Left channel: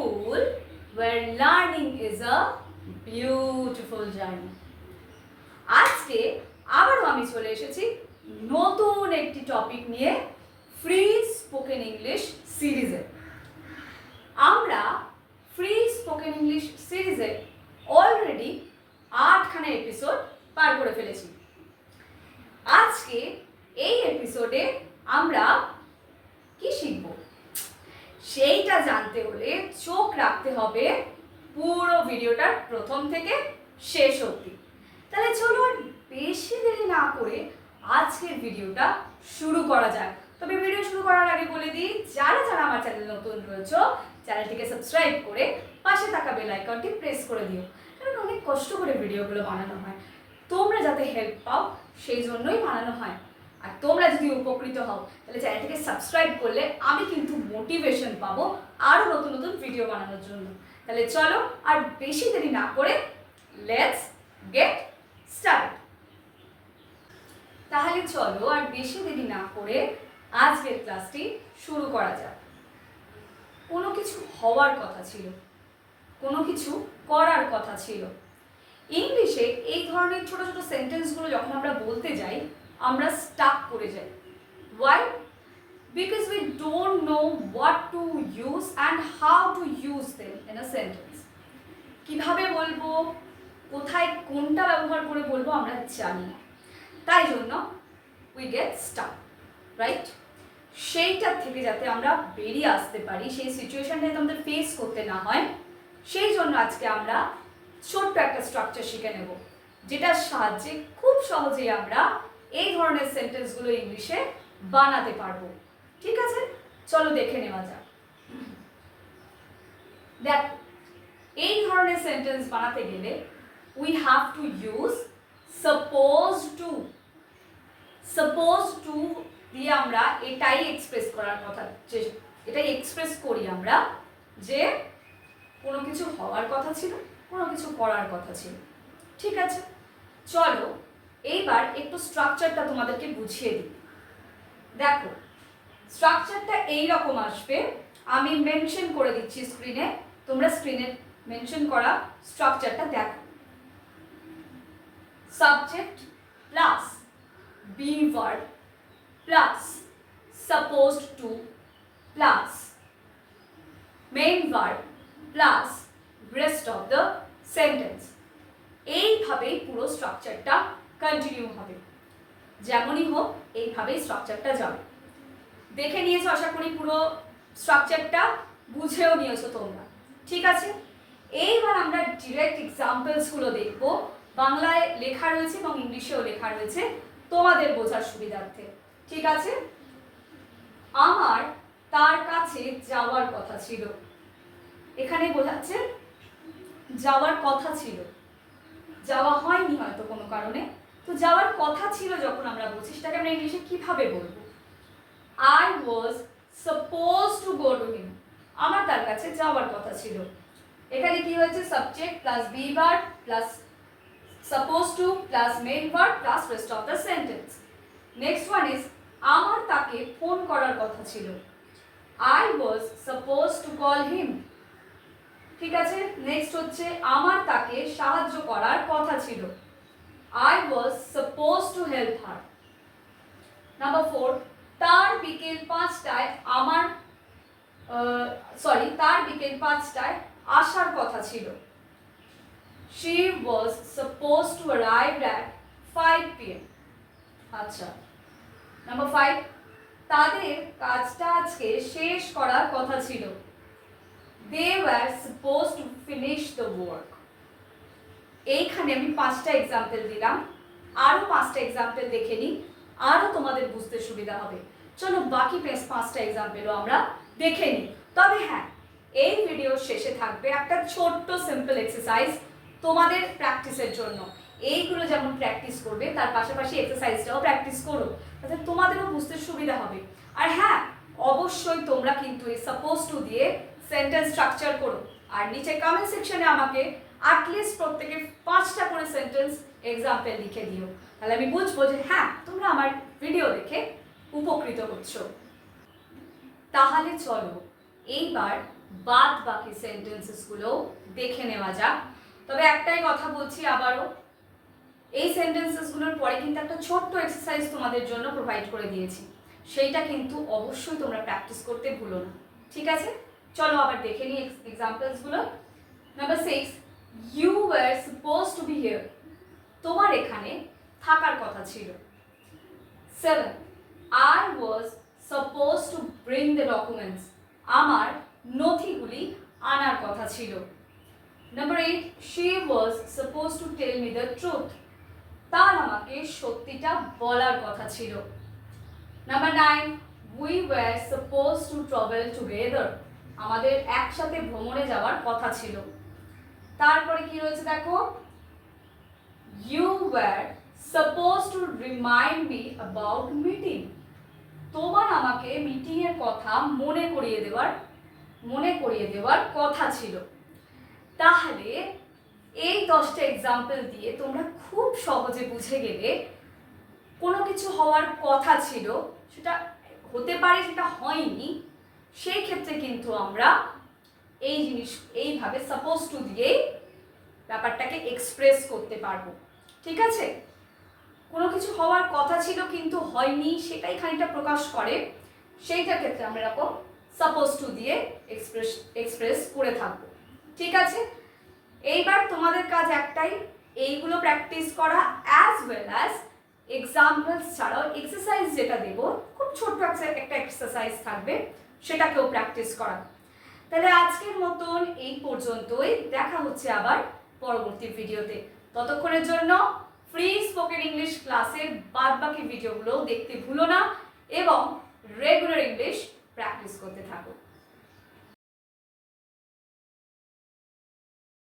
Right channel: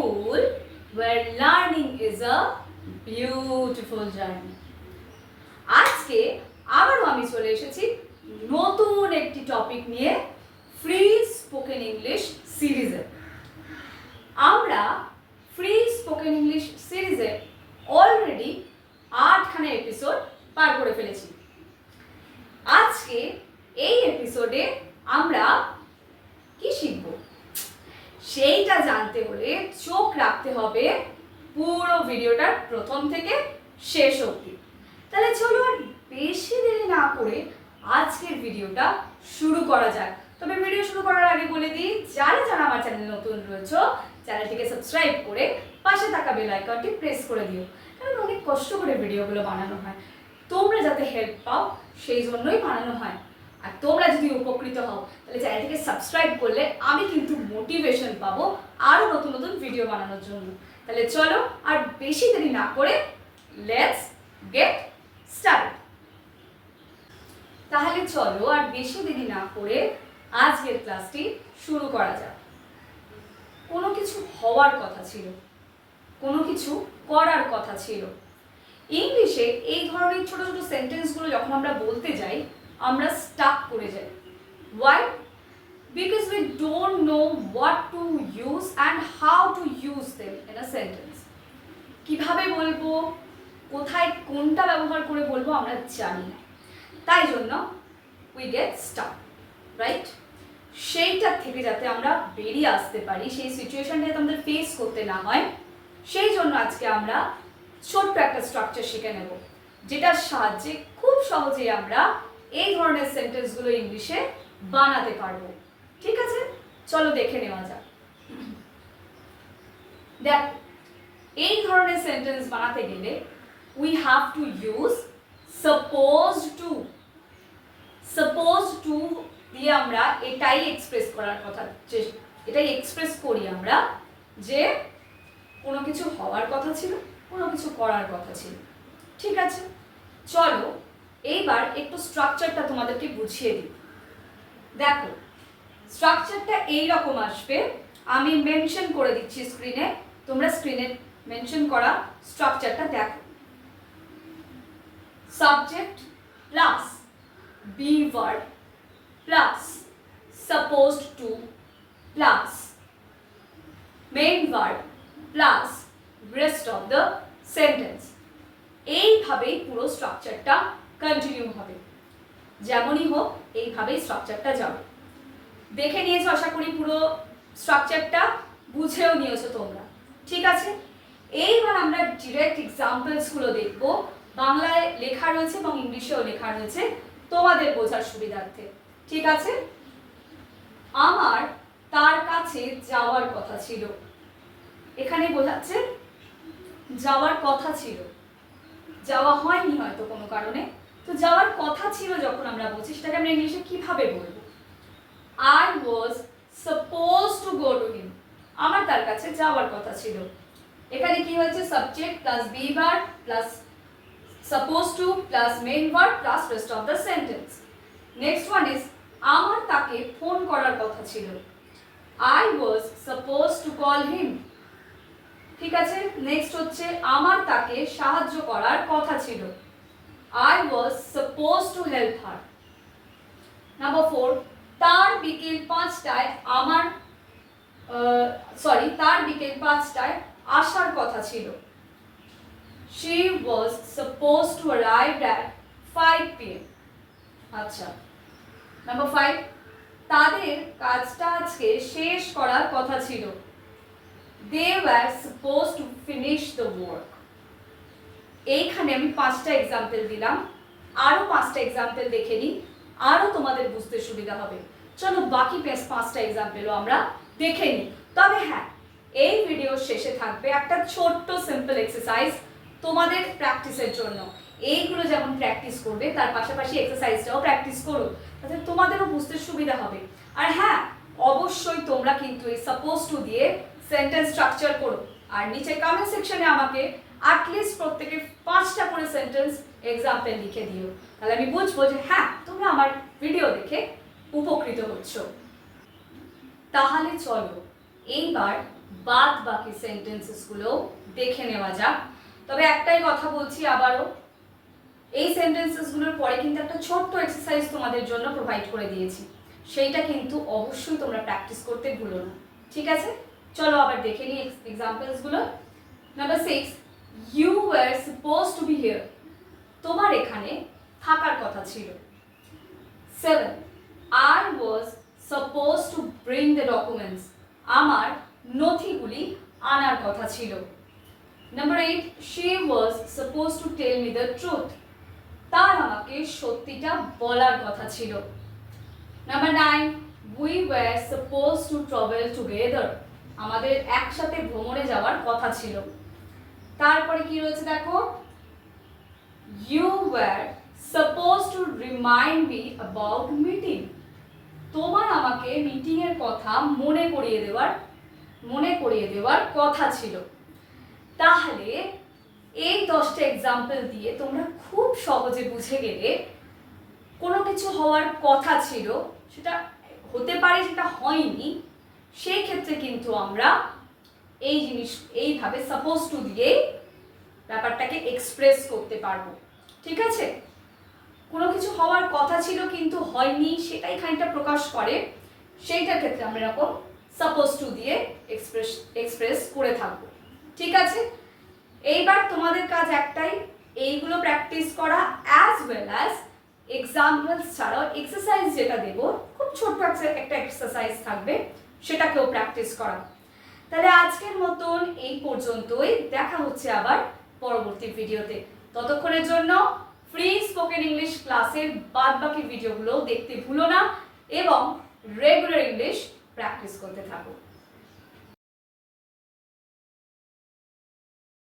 school where learning is a beautiful journey. আজকে আবারও আমি চলে এসেছি নতুন একটি টপিক নিয়ে ফ্রি স্পোকেন ইংলিশ সিরিজে। আমরা ফ্রি স্পোকেন ইংলিশ সিরিজে অলরেডি 8খানা এপিসোড পার করে ফেলেছি। আজকে এই এপিসোডে আমরা কি শিখব সেইটা জানতে হলে চোখ রাখতে হবে পুরো ভিডিওটার প্রথম থেকে শেষ অবধি। তাহলে চলো আর বেশি দেরি না করে আজকের ভিডিওটা শুরু করা যাক। তবে ভিডিও শুরু করার আগে বলে দিই, যারা যারা আমার চ্যানেলে নতুন রয়েছে চ্যানেলটিকে সাবস্ক্রাইব করে পাশে থাকা বেল আইকনটি প্রেস করে দিও, কারণ অনেক কষ্ট করে ভিডিওগুলো বানানো হয়, তোমরা যাতে হেল্প পাও সেই জন্যই বানানো হয়। আর তোমরা যদি উপকৃত হও তাহলে চ্যানেলটিকে সাবস্ক্রাইব করলে আমি কিন্তু মোটিভেশন পাবো আরও নতুন নতুন ভিডিও বানানোর জন্য। তাহলে চলো আর বেশি দেরি না করে লেটস গেট স্টার্ট। তাহলে চলো আর বেশি দেরি না করে আজকের ক্লাসটি শুরু করা যাক। কোনো কিছু হওয়ার কথা ছিল, কোনো কিছু করার কথা ছিল। ইংলিশে এই ধরনের ছোট ছোট সেন্টেন্সগুলো যখন আমরা বলতে যাই আমরা স্টাক করে যাই। Why? Because we don't know what to use and how to use them in a sentence. কীভাবে বলবো, কোথায় কোনটা ব্যবহার করে বলবো আমরা জানি না, তাই জন্য উই গেট স্টাক, রাইট? সেইটার থেকে যাতে আমরা বেরিয়ে আসতে পারি, সেই সিচুয়েশনটা যাতে আমাদের ফেস করতে না হয়, সেই জন্য আজকে আমরা ছোট্ট একটা স্ট্রাকচার শিখে নেব, যেটার সাহায্যে খুব সহজেই আমরা এই ধরনের সেন্টেন্সগুলো ইংলিশে বানাতে পারবো। ঠিক আছে, চলো দেখে নেওয়া যাক। দেখ, এই ধরনের সেন্টেন্স বানাতে গেলে we have to use supposed to. Supposed to দিয়ে আমরা এটাই এক্সপ্রেস করার কথা, যে এটাই এক্সপ্রেস করি আমরা যে কোনো কিছু হওয়ার কথা ছিল, কোনো কিছু করার কথা ছিল। ঠিক আছে, চলো এইবার একটু স্ট্রাকচারটা তোমাদেরকে বুঝিয়ে দিই। দেখো, স্ট্রাকচারটা এইরকম আসবে, আমি মেনশন করে দিচ্ছি স্ক্রিনে, তোমরা স্ক্রিনে মেনশন করা স্ট্রাকচারটা দেখো। Subject plus be verb plus supposed to plus main verb plus rest of the sentence. এইভাবেই পুরো স্ট্রাকচারটা কন্টিনিউ হবে, যেমনই হোক এইভাবেই স্ট্রাকচারটা যাবে। দেখে নিয়েছো আশা করি, পুরো স্ট্রাকচারটা বুঝেও নিয়েছো তোমরা। ঠিক আছে, এইবার আমরা ডিরেক্ট এক্সাম্পলসগুলো দেখব। বাংলায় লেখা রয়েছে এবং ইংলিশেও লেখা রয়েছে তোমাদের বোঝার সুবিধার্থে। ঠিক আছে, আমার তার কাছে যাওয়ার কথা ছিল। এখানে বোঝাচ্ছে যাওয়ার কথা ছিল, যাওয়া হয়নি হয়তো কোনো কারণে, তো যাওয়ার কথা ছিল যখন আমরা বলছি সেটাকে আমরা ইংলিশে কিভাবে বলবো? I was supposed to go to him. আমার তার কাছে যাওয়ার কথা ছিল। এখানে কি হয়েছে? Subject plus be verb plus supposed to plus main verb plus rest of the sentence. Next one is আমার তাকে ফোন করার কথা ছিল। I was supposed to call him. ঠিক আছে, নেক্সট হচ্ছে আমার তাকে সাহায্য করার কথা ছিল। I was supposed to help her. Number 4, তার বিকেল 5টায় তার বিকেল 5টায় আসার কথা ছিল। She was supposed to arrive at 5 p.m. আচ্ছা, নাম্বার 5, তাদের কাজটা আজকে শেষ করার কথা ছিল। They were supposed to finish the work. এইখানে আমি 5টা এক্সাম্পল দিলাম, আরো 5টা এক্সাম্পল দেখে নিই, আরো তোমাদের বুঝতে সুবিধা হবে। চলো বাকি 5টা এক্সাম্পলও আমরা দেখে নিই। তবে হ্যাঁ, এই ভিডিওর শেষে থাকবে একটা ছোট্ট সিম্পল এক্সারসাইজ তোমাদের প্র্যাকটিসের জন্য। এইগুলো যেমন প্র্যাকটিস করবে তার পাশাপাশি এক্সারসাইজটাও প্র্যাকটিস করো, তাতে তোমাদেরও বুঝতে সুবিধা হবে। আর হ্যাঁ, অবশ্যই তোমরা কিন্তু এই সাপোজ টু দিয়ে সেন্টেন্স স্ট্রাকচার করো, আর নিচে কমেন্ট সেকশনে আমাকে অ্যাটলিস্ট প্রত্যেকে 5টা করে সেন্টেন্স এক্সাম্পল লিখে দিও, তাহলে আমি বুঝবো যে হ্যাঁ তোমরা আমার ভিডিও দেখে উপকৃত হচ্ছ। তাহলে চলো এইবার বাদ বাকি সেন্টেন্সেসগুলো দেখে নেওয়া যাক। তবে একটাই কথা বলছি আবারও, এই সেন্টেন্সেসগুলোর পরে কিন্তু একটা ছোট্ট এক্সারসাইজ তোমাদের জন্য প্রোভাইড করে দিয়েছি, সেইটা কিন্তু অবশ্যই তোমরা প্র্যাকটিস করতে ভুলো না, ঠিক আছে? চলো আবার দেখে নিই এক্সাম্পলসগুলো। Number 6, you were supposed to be here, তোমার এখানে থাকার কথা ছিল। 7, I was supposed to bring the documents, আমার নথিগুলি আনার কথা ছিল। Number 8, she was supposed to tell me the truth, তার আমাকে সত্যিটা বলার কথা ছিল। Number 9, we were supposed to travel together, আমাদের একসাথে ভ্রমণে যাওয়ার কথা ছিল। তারপরে কি রয়েছে দেখো, you were supposed to remind me about meeting, তোমার আমাকে মিটিং এর কথা মনে করিয়ে দেওয়ার কথা ছিল। তাহলে এই 10টা এক্সাম্পল দিয়ে তোমরা খুব সহজে বুঝে গেলে কোনো কিছু হওয়ার কথা ছিল, সেটা হতে পারে সেটা হয়নি, সেই ক্ষেত্রে কিন্তু আমরা এইভাবে সাপোজ টু দিয়ে ব্যাপারটাকে এক্সপ্রেস করতে পারবো, ঠিক আছে? কোনো কিছু হওয়ার কথা ছিল কিন্তু হয়নি, সেটাই খানিকটা প্রকাশ করে, সেইটার ক্ষেত্রে আমরা এরকম সাপোজ টু দিয়ে এক্সপ্রেস করে থাকবো, ঠিক আছে? এইবার তোমাদের কাজ একটাই, এইগুলো প্র্যাকটিস করা, অ্যাজ ওয়েল অ্যাজ এক্সাম্পলস ছাড়াও এক্সারসাইজ যেটা দেবো, খুব ছোট্ট একটা এক্সারসাইজ থাকবে, সেটাকেও প্র্যাকটিস করা। তাহলে আজকের মতন এই পর্যন্তই, দেখা হচ্ছে আবার পরবর্তী ভিডিওতে। ততক্ষণের জন্য ফ্রি স্পোকেন ইংলিশ ক্লাসের বাদবাকি ভিডিওগুলো দেখতে ভুলো না এবং রেগুলার ইংলিশ প্র্যাকটিস করতে থাকো।